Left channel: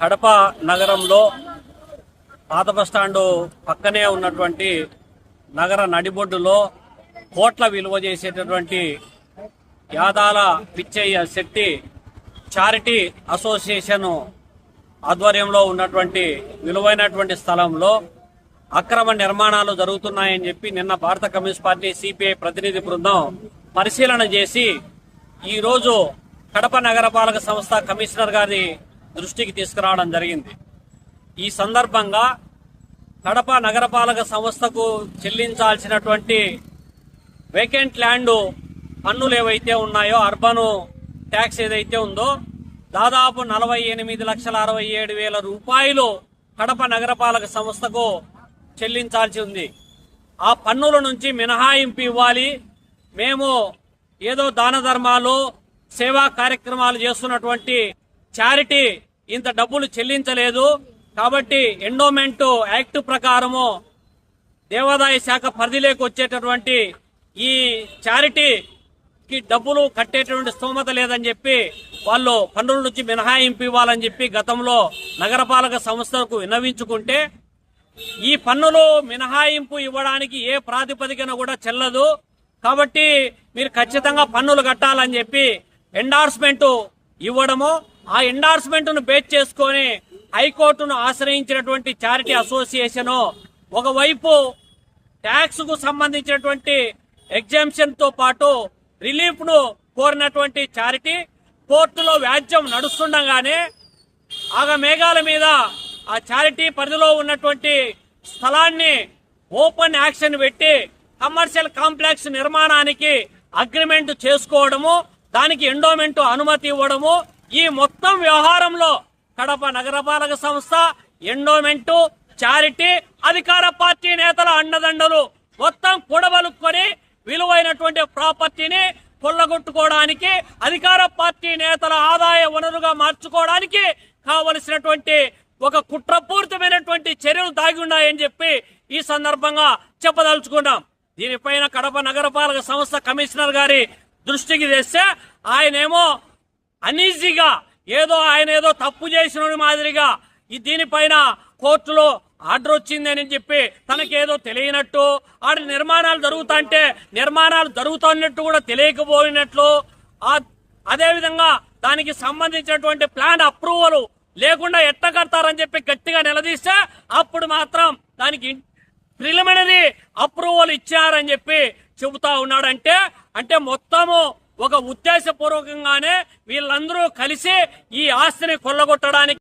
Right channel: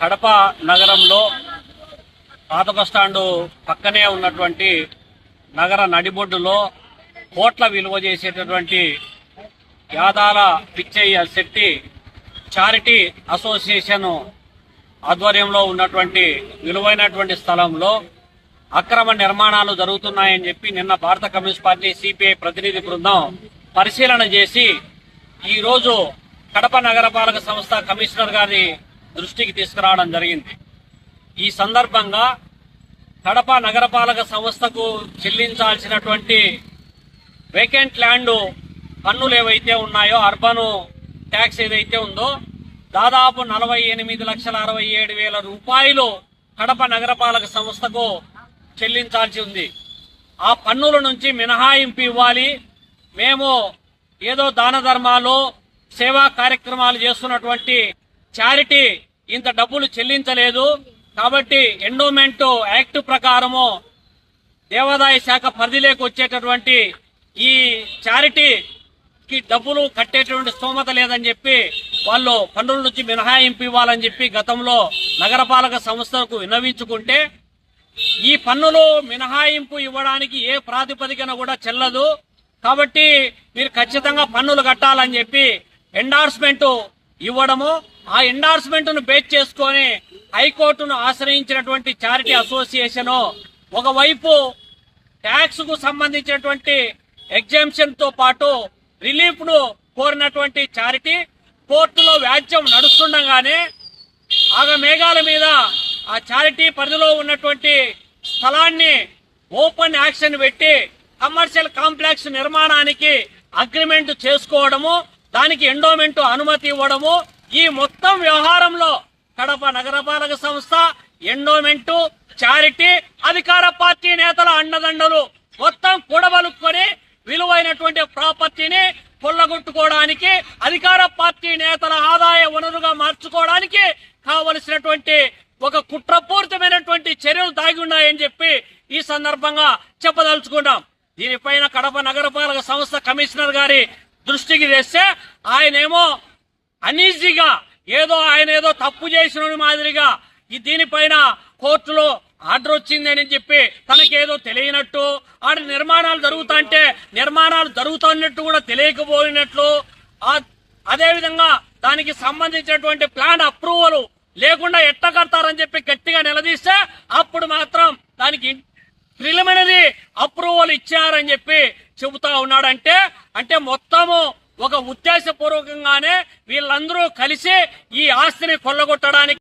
కడప నగరంలో పాత బస్టాండు పక్కనే ఉన్నటువంటి నగర నడిబొడ్డులో కోట్ల విలువ చేసేటటువంటి యాదాల పిచ్చయ్య శెట్టి చారిటీ అసోసియేషన్ ఆధ్వర్యంలో ఉన్నటువంటి విలువైనటువంటి స్థలంలో అక్రమ నిర్మాణాలు జరుగుతున్నాయని చెప్పి నిన్న భారత కమ్యూనిస్ట్ పార్టీ సిపిఐ ప్రతినిధి బృందం పరిశీలన చేసి ఈరోజు కడప నగరపాలక సంస్థ కమిషనర్ గారి దృష్టికి తీసుకురావడం జరిగింది. ఈ సందర్భంగా కడప నగరపాలక సంస్థకు చెల్లించాల్సినటువంటి వేకెంట్ ల్యాండ్ పన్నులు ఏవైతే ఉన్నాయో, అర్బన్ ట్యాక్స్ ఏదైతే ఉందో దాదాపు 48,67,700 రూపాయలు కడప నగరపాలక సంస్థకు చెల్లించాల్సి ఉంది. ఆ పన్నుల నుంచి మినహాయింపు ఇవ్వాలి. మేము ఏదో దాన ధర్మాలు సేవా కార్యక్రమాలు చేస్తున్నటువంటి చారిటీ ఇంత డబ్బులు చెల్లించలేదు కాబట్టి ఎండోమెంట్ యాక్ట్ ప్రకారము దేవాదాయ శాఖ పరిధిలోకి వచ్చేటటువంటి ఈ చారిటీకి డబ్బులు కట్టేటువంటి స్తోమత లేదని చెప్పి వాళ్ళు పన్నుల నుంచి మినహాయింపు ఇవ్వాలని చెప్పి గతంలో నగరపాలక సంస్థలకు విన్నవించుకుంటే ఈ పన్నులు మినహాయింపు ఇవ్వడానికి ఏ ప్రాతిపదికన కూడా చెల్లదు కాబట్టి మీరు ఖచ్చితంగా పన్నులు కట్టాలని చెప్పి ఎండార్స్మెంట్ ఇవ్వడము, ఆ ఎండార్స్మెంట్ ను బేస్ చేసుకొని హైకోర్టును ఆశ్రయించినటువంటి చారిటీ అసోసియేషన్ ఒకవైపు ట్యాక్స్ కు సంబంధించినటువంటి ఎగ్జామ్షన్ తో పాటు రిలీఫ్ ను కోరినటువంటి చారిటీ కోర్టులో వ్యాజ్యం నడుస్తుండగానే ఆగమేఘాల మీద ఆ చారిటీ పరిధిలో ఉన్నటువంటి స్థలాన్ని ఓపెన్ యాక్షన్ పెట్టి కమర్షియల్ కాంప్లెక్స్ నిర్మాణానికి అగ్రిమెంట్ చేసుకోవడము, దానికి ఎండోమెంట్ అనుమతి ఇవ్వడము, ఈ మొత్తం వ్యవహారంలో కడప నగరపాలక సంస్థ, ఎండోమెంట్, చారిటీ, అధికార పార్టీ నేతల అండదండలు మొత్తం కూడబలుక్కొని విలువైనటువంటి ప్రాపర్టీని కొల్లగొట్టుకోవడానికి, అధికార పార్టీ నేతల ఆదాయ వనరుగా మార్చుకోవడానికి కావలసినటువంటి ఒక కుట్రపూరితమైనటువంటి చర్యలు దాగి ఉన్నాయని చెప్పి ఈ సందర్భంగా చెప్పదలుచుకున్నాం. దీనిపైన కడప నగరపాలక సంస్థ కమిషనర్ గారి దృష్టికి తెస్తే ఆయనేమో అనీజీగా ఆయన ఏదో తప్పు చేసిన మాదిరిగా దీనిపైన కోర్టులో ఆర్డర్ వచ్చిందని చెప్పి తనకేదో తెలియనట్టు, ఆడ నిర్మాణాలు జరుగుతున్నట్టు కూడా తెలియకపోయినట్లు, అదేవిధంగా దానికి సంబంధించినటువంటి ప్లాన్ అప్రూవల్ లేకుండా ఎట్ట కడతారని చెప్పి గట్టిగా నిలదీస్తే అప్పుడు మాత్రం దానికి ప్రిలిమినరీ అప్రూవల్ ఇచ్చారని చెప్పి చెబుతా ఉన్నాడంటే అంటే మొత్తము ఒక ఉద్దేశపూర్వకంగానే వీళ్ళందరూ కలిసి ఈ ఆస్తిని కొల్లగొట్టడానికి